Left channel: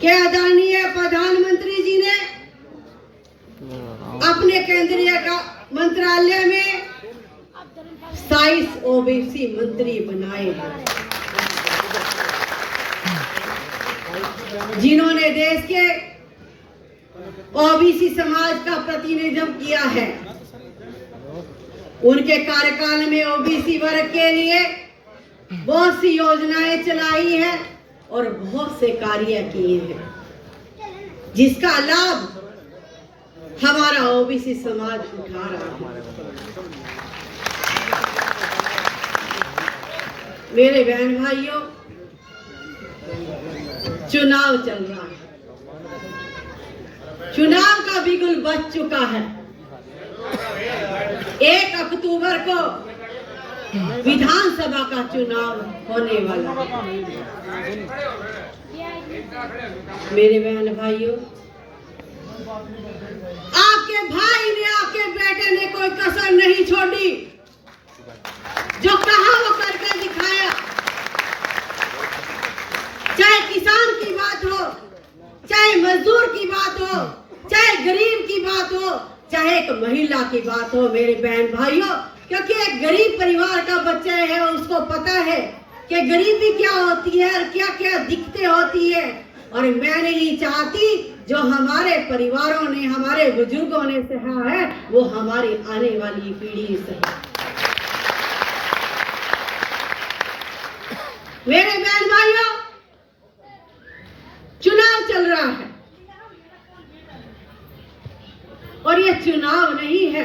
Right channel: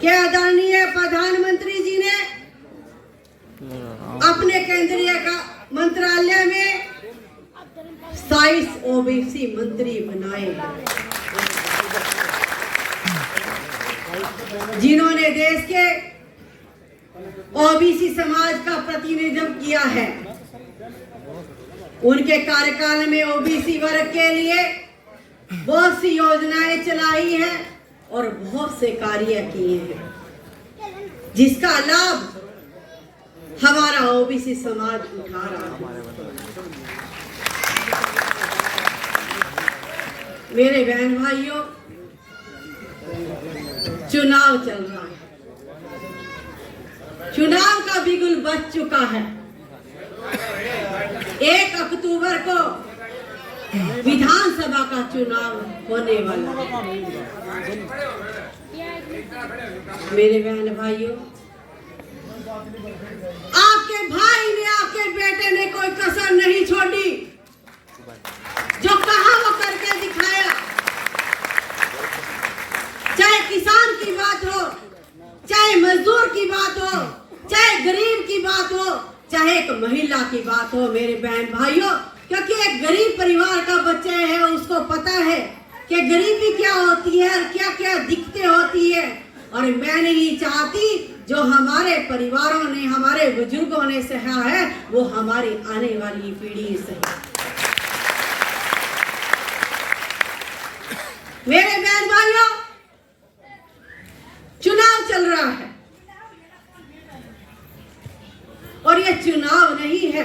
कि आदरणीय प्रधानमंत्री जी ने अपने केंद्रीय का मंत्रालय में 27 ओबीसी मंत्री बनाए हैं, जिन्होंने देश के ओबीसी समाज का प्रतिनिधित्व किया है। उनके कार्यकाल में ओबीसी वर्ग के लिए बहुत सी योजनाएं चलाई हैं और बहुत से कार्य किए हैं, जिसका लाभ हमारा ओबीसी समाज उठा रहा है। मेरे बहन भाइयों, चुनाव चल रहा है, चुनाव का बिगुल बज चुका है। 1 अक्टूबर को विधानसभा का चुनाव होने वाला है। मेरे बहन भाइयों, आपके भाई ने, आपके बेटे ने कोई कसर नहीं छोड़ी। जो कहा वो करके दिखाया। चाहे किसान की बात हो, चाहे मजदूर की बात हो, चाहे गरीब की बात हो, चाहे एक महिला की बात हो, मेरे बहन भाइयों, क्योंकि एक गरीब परिवार का बच्चा है, उसको पता है कि गरीबी क्या होती है और क्या क्या दिक्कतें होती है। और मैं नहीं चाहती जो हमारे परिवारों ने, हमारे बुजुर्गों ने सहा है, वो हमारी आने वाली पीढ़ी सहे। मेरे बहन भाइयों, चुनाव चल रहा है और ये चुनाव नहीं है,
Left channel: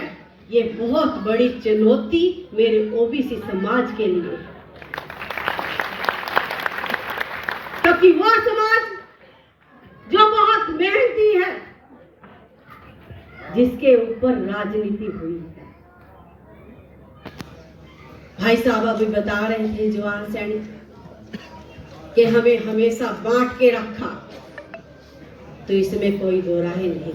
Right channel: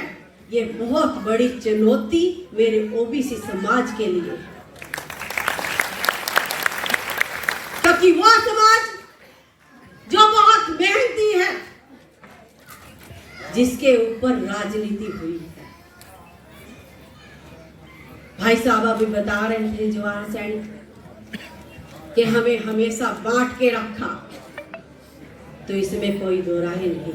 ये बहुत बड़ी चुनौती मेरे ओबीसी समाज के लिए है। क्योंकि वो समाज जो बहुत मेहनती है, जिसके ऊपर राजनीति हुई है। भाई साहब अभी बता रहे थे जवान सैनिक कि हमें हमेशा बांट के रखा, तो इसमें कोई दो राय नहीं।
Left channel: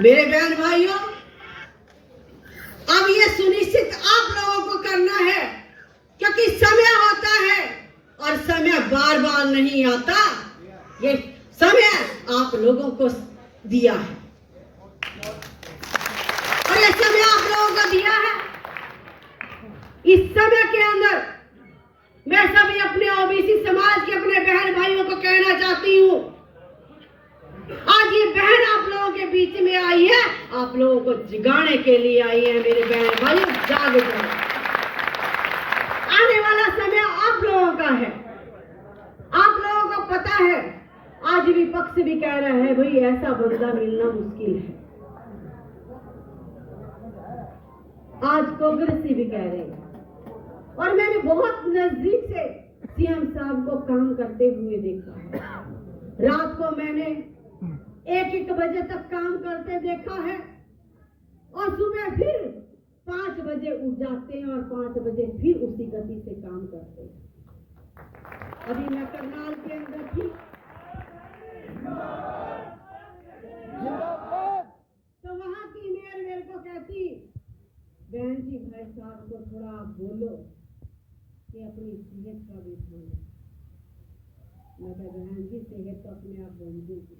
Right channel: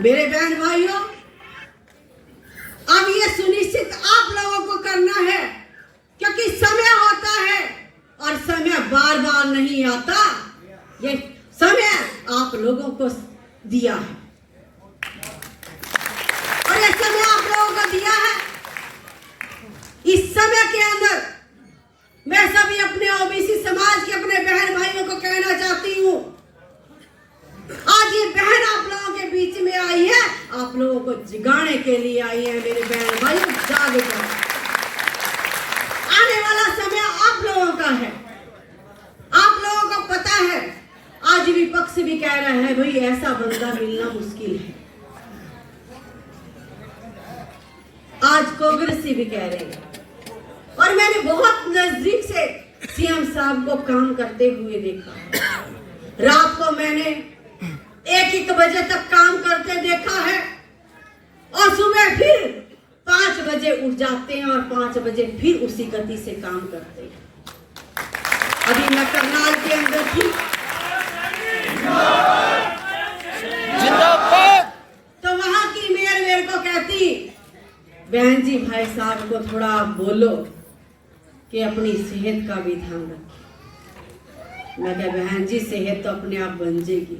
मेरे बहन भाइयों, अब ये सुनिश्चित आप लोगों को करना है, क्योंकि समय होता है और समय बार बार नहीं आता। ये समय आप लोगों को दिया है और ये समय आप लोगों को दिया है। इस समय के अंदर मैं सभी अपने ओबीसी समाज के अपने बहन भाइयों को कहना चाहती हूँ, आज ये बहन आप लोगों के बीच में आई है, आप लोगों को जगाने के लिए आई है। मेरे बहन भाइयों, जाग जाओ, आने वाला समय आप लोगों का है। आप लोगों को पता है, आज विपक्ष भी कह रहा है भाई ऐसा बंदा मिलना मुश्किल है। आज कांग्रेस भी कह रहे हैं, और मैंने बहुत नजदीक से सीएम साहब को काम करते हुए देखा। रात को मैंने 1-1 बजे तक काम करते देखा है और सुबह फिर 5 बजे उठ जाते हैं और 5 बजे फिर उसी गति से काम करते हैं। अभी मैं करनाल के अंदर थी, जिंदाबाद। तो वहां की मेयर मेरे को कहती, बहन जी भाई साहब को थोड़ा आप बोलो कि अपनी सेहत का भी ध्यान रखें। मैं कहा बहन जी, सेहत तो अपने आप बन जाएगी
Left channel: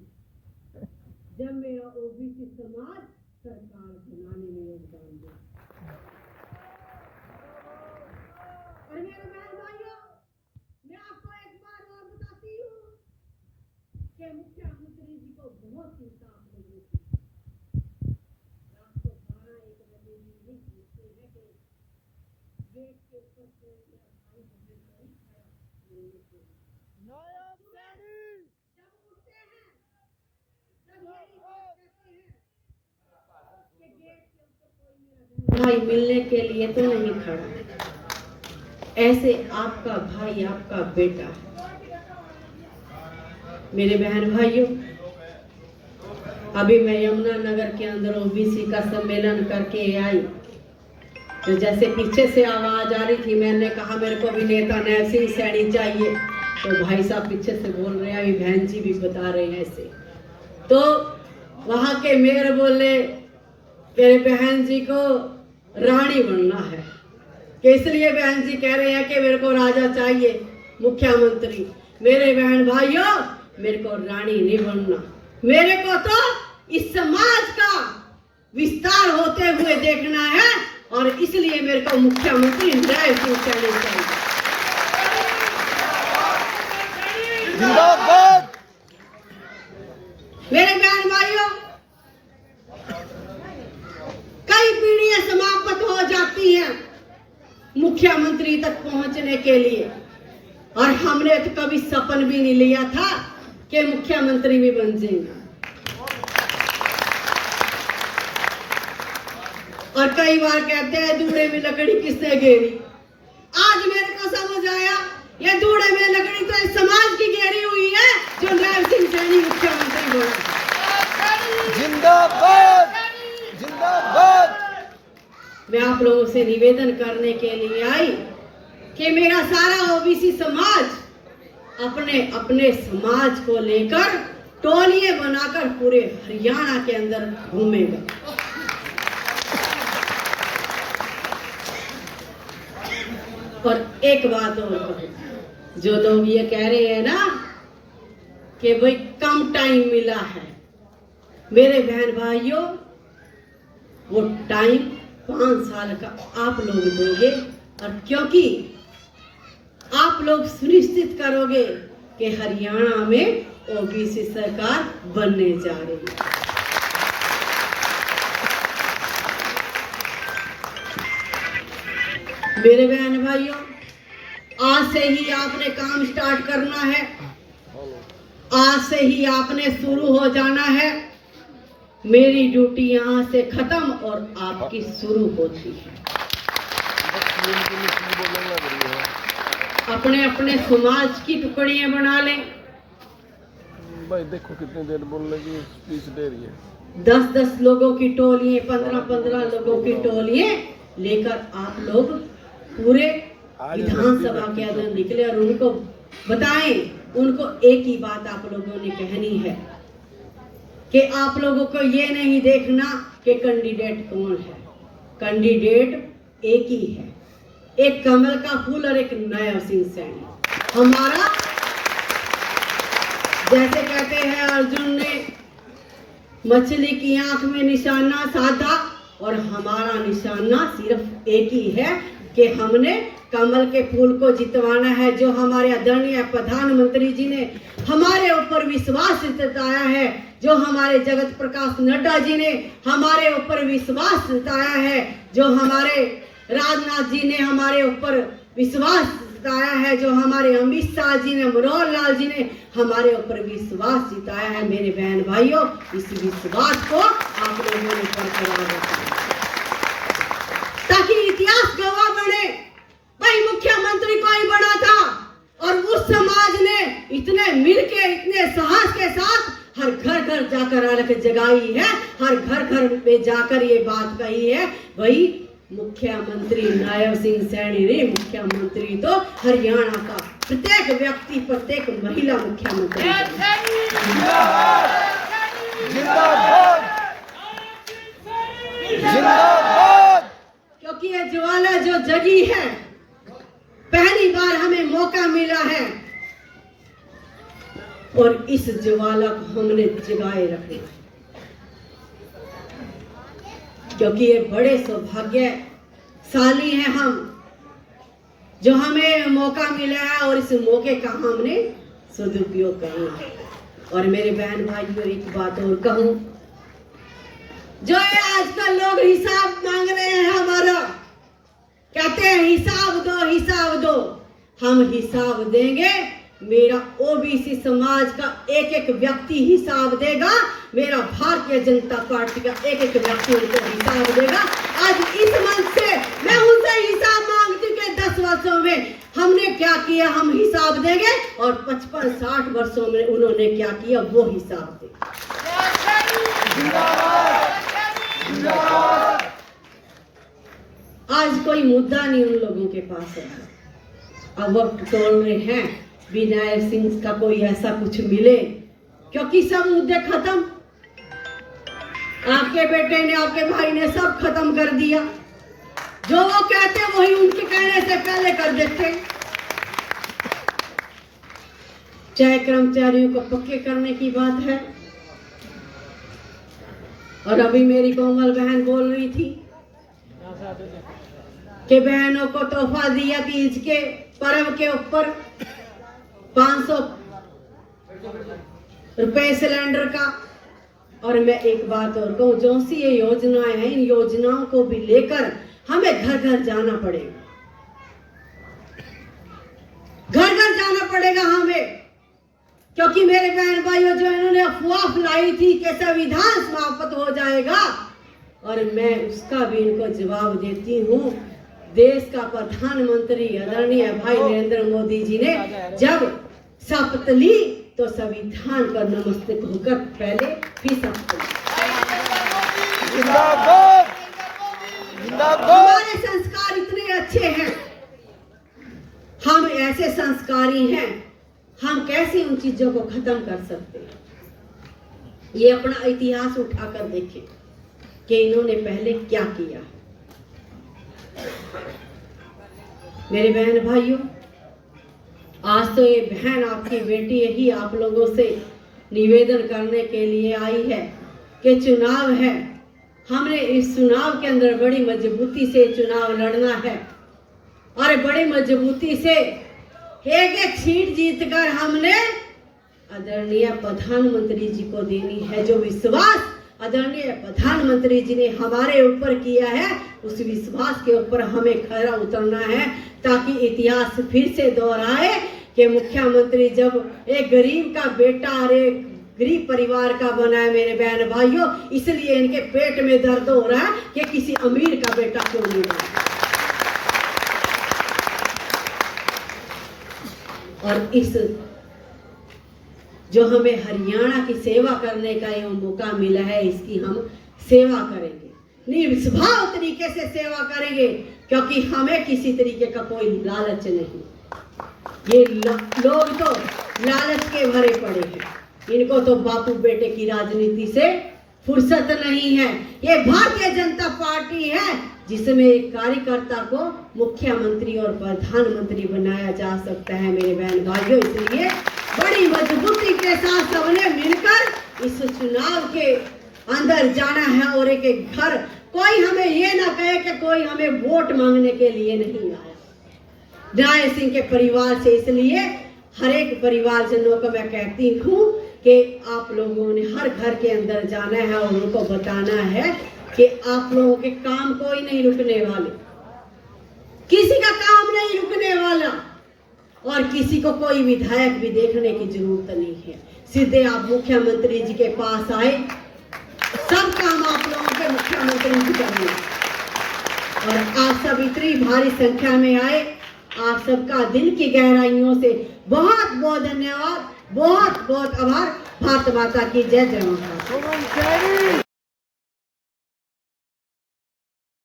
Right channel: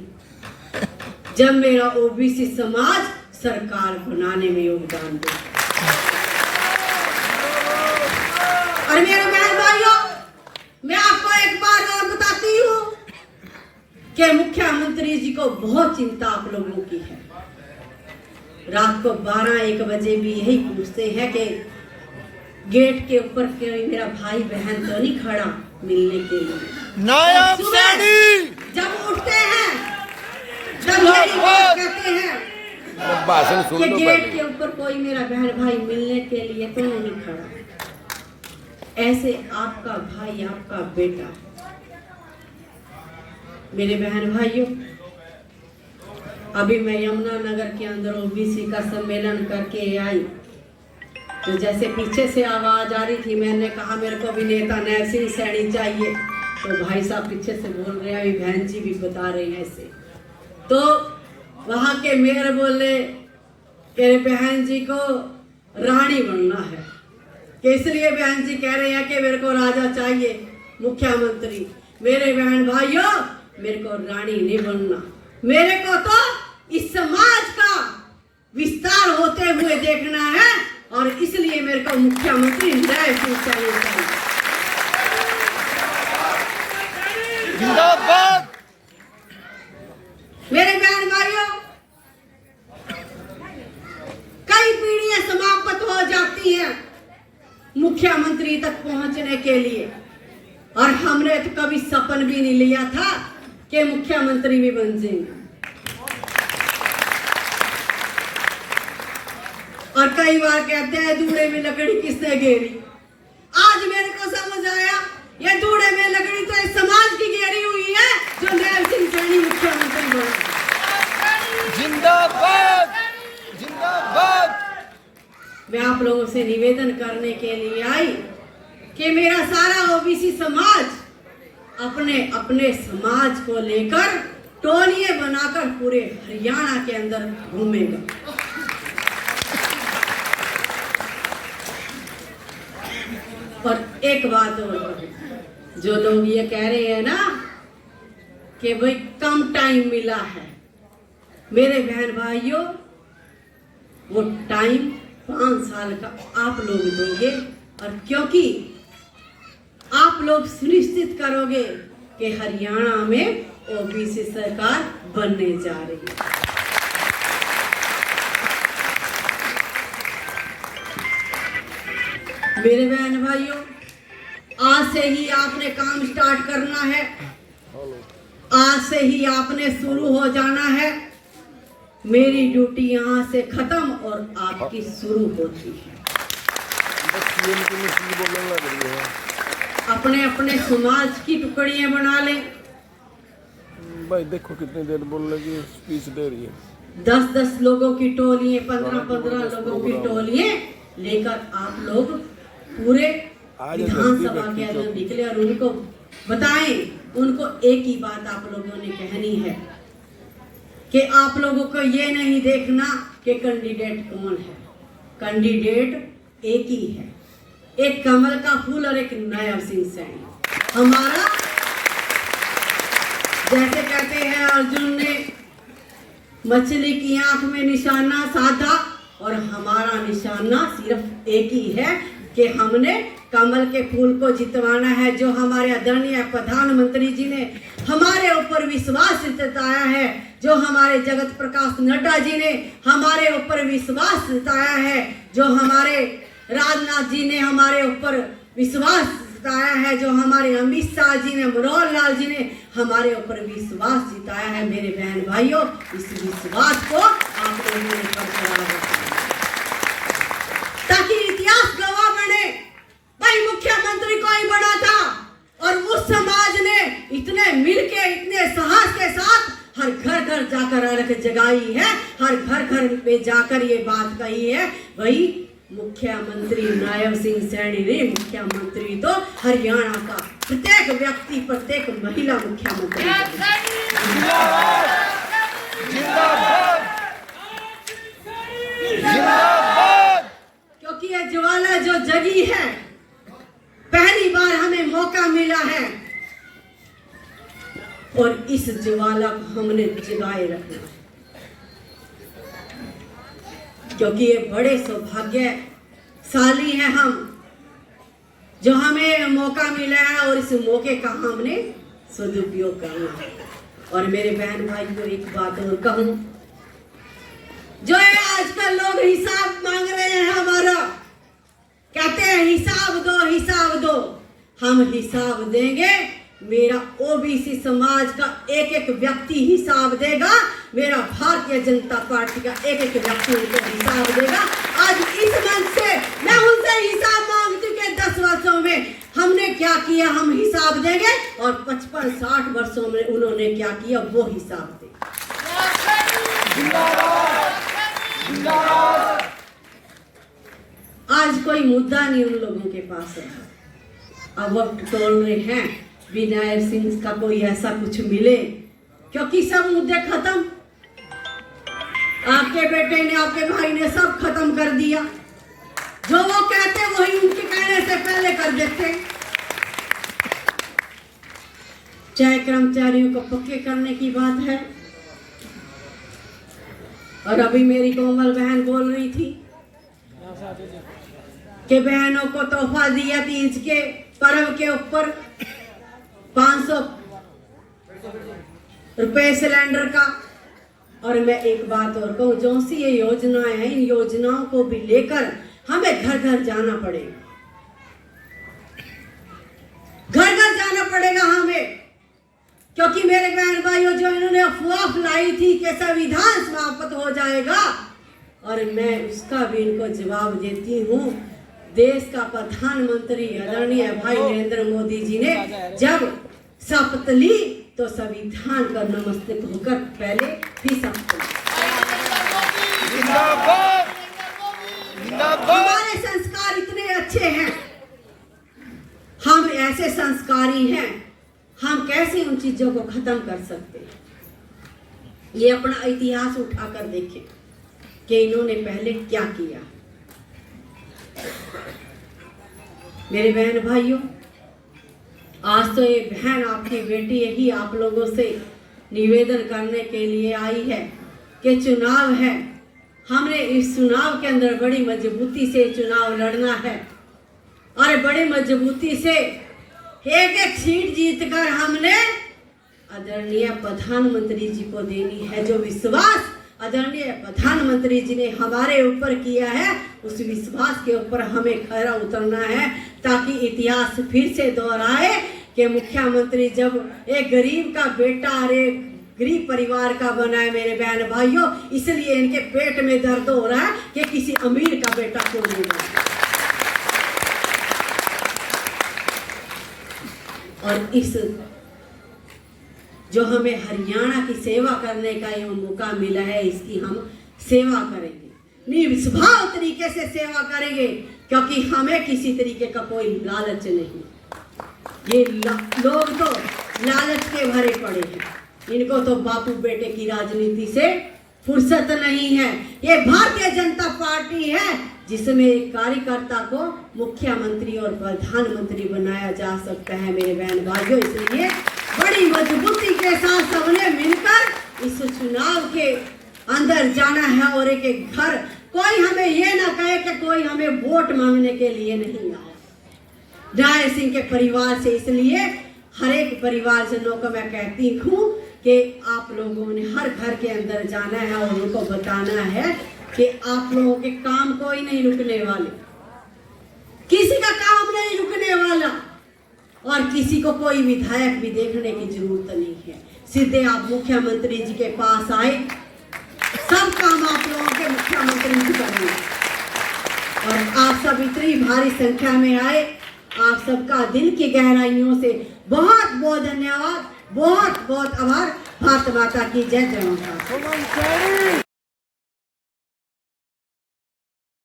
जब मेरा ओबीसी समाज सरकार बनाने में योगदान दे। और मेरे बहन भाइयों, मैं आपको एक बार और बताती हूँ कि मुख्यमंत्री जी को बहुत चिंता आप लोगों की है। रात को 12-1 बजे भी यही पूछते हैं कि गेट के ऊपर कोई मेरा भाई बहन तो नहीं खड़ा मिलने के लिए। नायब सैनी जब उठते हैं, जब यही बात कहते हैं कि गेट के ऊपर कोई मेरा बहन भाई मिलने के लिए तो नहीं खड़ा। ऐसे आपका भाई, आपका बेटा। मेरे बहन भाइयों, अभी मैं यमुनानगर के अंदर ओबीसी का सम्मेलन करके आई, तो जैसे पीछे से आवाज आ रही थी, मैंने कहा मेरे को भी नेता नायब सिंह सैनी चाहिए, तो भाई साहब पीछे से बोल रहे हैं, बहन जी भी बता रहे हैं ऐसे। तो वहां के मेयर बोले कि बहन जी को रानी बनना है, कि इसलिए बहन जी कह रहे हैं कि मेरे को राजा चाहिए। मुख्यमंत्री। मेरे बहन भाइयों, मेरे को रानी नहीं बनना, मेरे को तो इस समाज का विस्तार होते हुए देखना है, और इसलिए मेरे को मुख्यमंत्री नायब सिंह सैनी चाहिए। जिंदाबाद। मेरे बहन भाइयों, कई पीढ़ियां समाप्त हो जाती हैं मुख्यमंत्री तक पहुंचने के लिए, और हमने तो कभी सपन भी नहीं लिया था कि मुख्यमंत्री भी बन जाएंगे। और कई बार कहते हैं दूल्हे में लकड़ी किसने घेरी। आज मेरे को समझ आया, ये दूल्हे में लकड़ी तो इस समाज की घेरी हुई है जो नायब सिंह सैनी मुख्यमंत्री बना। जिंदाबाद, जिंदाबाद। मैं आप लोगों से निवेदन करने के लिए आई कि मेरा सारा ओबीसी समाज अपने अपने समाज को लेकर टोलियां बनाकर पूरे हरियाणा के अंदर घूमेगा। और एक बात और कहूं, जो लोग ये कह रहे हैं ना कि भाई कम टाइम मिला है, मेरे बहन भाइयों, वो टाइम 5 साल का आप लोग देंगे, और क्योंकि आप लोग सुनिश्चित करोगे कि हरियाणा में ओबीसी सरकार बनने जा रही है। मेरे बहन भाइयों, आज से ही आपने काम स्टार्ट करना है, आज से ही आपने शुरू हो जाना है। मेरी ड्यूटी यहाँ से खत्म और आपकी शुरू होती है। अपने अपने समाज की टुकड़ियां बना लें। भाई देखो कितनी देर बोलने की स्पीच दे रही है। 10-10 लोगों की टोलियां, 15-15 लोगों की टोलियां लेकर आप लोग पूरे विधानसभा के अंदर निकले और उनको बताएं, उनको एक ही बात आप लोगों ने कहनी है कि आप लोगों को ये नहीं देखना कि कैंडिडेट कौन है, कैंडिडेट एक ही है, एक कमल का फूल और एक नायब सिंह सैनी। हमारा जैसे कहते हैं अर्जुन ने मछली की आंख में निशाना साधा, और हमारा निशाना सिर्फ एक ही है कि हमने कमल के फूल को जितवाना है। जो हमारे आदरणीय प्रधानमंत्री जी ने हमारे ऊपर विश्वास जताया है, जो हमारे जगत प्रकाश नड्डा जी ने हमारे ऊपर विश्वास जताया है, जो हमारे राजनाथ जी ने हमारे ऊपर विश्वास जताया है, जो हमारे अमित शाह जी ने, मनोहर लाल जी ने हमारे ऊपर विश्वास जताया है। मेरे बहन भाइयों, इस विश्वास को आप लोगों ने बरकरार रखना ताकि इतिहास गवाह बने। भाई मुख्यमंत्री कोई बना था और उस समाज ने इतने मिलके, इतने साहस के साथ हर घर घर जाकर अलग जगाई है, हर घर घर में जाकर ये बात कही है, भाई मुख्यमंत्री नायब सिंह सैनी ने, मुख्यमंत्री तो हरियाणा का प्रत्येक व्यक्ति, प्रत्येक महिला मुख्यमंत्री। जिंदाबाद, जिंदाबाद, जिंदाबाद। क्योंकि ये ज्वाला जो जगी है, पहली बार हमें मौका मिला है और इस ज्वाला को हमने जगाए रखना है, क्योंकि ये बड़े सौभाग्यशाली हैं हम, जो हमें मौका मिला है और इस मौके का हमने सदुपयोग करना है। और मेरे बहन भाइयों, एक बात और कहूं, जो ये आजकल लोग हिसाब मांग रहे हैं हमारा, कहते हैं हिसाब दो, हिसाब दो, हम हिसाब देंगे। मेरा ओबीसी समाज का एक एक व्यक्ति हिसाब देगा, मेरा भारतीय जनता पार्टी का एक एक व्यक्ति उनको हिसाब देगा। आज इस मंच से मैं उनसे हिसाब मांगती हूँ कि 10 वर्षों में हमने क्या किया, हम हिसाब देंगे, और 55-60 वर्षों में उन्होंने क्या किया, वो हिसाब देंगे। आज कोई मुद्दा नहीं उन लोगों के पास है। अब वो टोल रहे हैं भी नायब सिंह का कोई ऐसा कुछ मिले, क्योंकि सब मुद्दे खत्म। आपके बेटे ने, आपके भाई ने सब खत्म कर दिया। जो वो कहते वही उनके कहने से पहले कर देते। चाहे कर्मचारियों को पक्के करने की बात है। और अभी मेरी कोमल बहन बोल रही थी कि बहनों को तोहफा दिया तीज के पर्व के ऊपर 500 रुपए सिलेंडर का। और मैं एक बात और कहूँ, जो सी ये योजनाएं हैं, इन योजनाओं को भी लेकर हमें घर घर जाना पड़ेगा, घर घर जाना पड़ेगा हमें। क्योंकि मेरे बहन भाइयों, जो इन्होंने अफवाह फैलाई थी कि संविधान समाप्त हो जाएगा, और मैं उसका भी इनको जवाब देती हूँ। देश का प्रधानमंत्री आदरणीय भाई नरेंद्र मोदी जी ने जब शपथ ली तो संविधान का नमस्तक होकर पहले भी शपथ ली। हमारे संस्कार इतने अच्छे हैं, हम ऐसे संस्कारी हैं, हम कैसे उन चीजों को खत्म कर सकते हैं। ये अपना इतिहास उठाकर देखें कि इन्होंने पहले क्या किया। मेरे बहन भाइयों, आज तो ये बहन आपकी बेटी यही आप लोगों से निवेदन करने के लिए आई है कि चुनाव है, हमने इस चुनाव के अंदर बड़ी मजबूती से चुनाव लड़ना है और बड़ी मजबूती से एक एक सीट जीतकर हमने आदरणीय प्रधानमंत्री जी को देनी है। जो विश्वास आदरणीय प्रधानमंत्री जी ने हमारे ऊपर किया है, उस विश्वास के ऊपर हमें खरा उतरना है, ताकि इतिहास फिर से दोहराए कि मुख्यमंत्री जब एक गरीब का बेटा और एक गरीब परिवार का बना है। मेरे बहन भाइयों, इसलिए इनके पेट में दर्द हो रहा है कि किसी अमीर का बेटा क्यों नहीं बना। और इस जो हमें हरियाणा की सेवा करने का ये मौका मिला है, इसकी हम सेवा करेंगे, निस्वार्थ तरीके से सेवा करेंगे, क्योंकि हमें किसी तरीके का कोई लालच नहीं। ये लोग तो लालच के भरे पड़े हैं, इनको तो बापू बेटे की राजनीति से फुर्सत नहीं है। ये भारतीय जनता पार्टी है जिसमें एक कार्यकर्ता को मुख्यमंत्री और प्रधानमंत्री बनाया जा सकता है। मेरे बहन भाइयों, इसलिए बड़ी मजबूती के साथ सबने मिलकर इस चुनाव के अंदर जाना है। और एक एक घर, कोई हमें ये ना कहे कि कोई हमें वोट मांगने के लिए नहीं आया न्याय सिंह के परिवार से। इसलिए हर एक परिवारजनों को मैं कहती हूँ कि आप लोगों ने हर घर के अंदर जाना है और उनको बताना है कि आप लोगों के काम कोई नहीं रुकने वाले, किसी का काम नहीं रुकने वाला, और किसी को कोई विधायक भी देखने की जरूरत नहीं है। सीधे आप मुख्यमंत्री जी के पास आए, सब काम आप लोगों के मुख्यमंत्री जी करेंगे। और आप सब इतनी भारी संख्या में आए, आप सबका दिल की गहराइयों से बहुत बहुत धन्यवाद, बहुत बहुत आभार। भारत माता की जय। जय माता।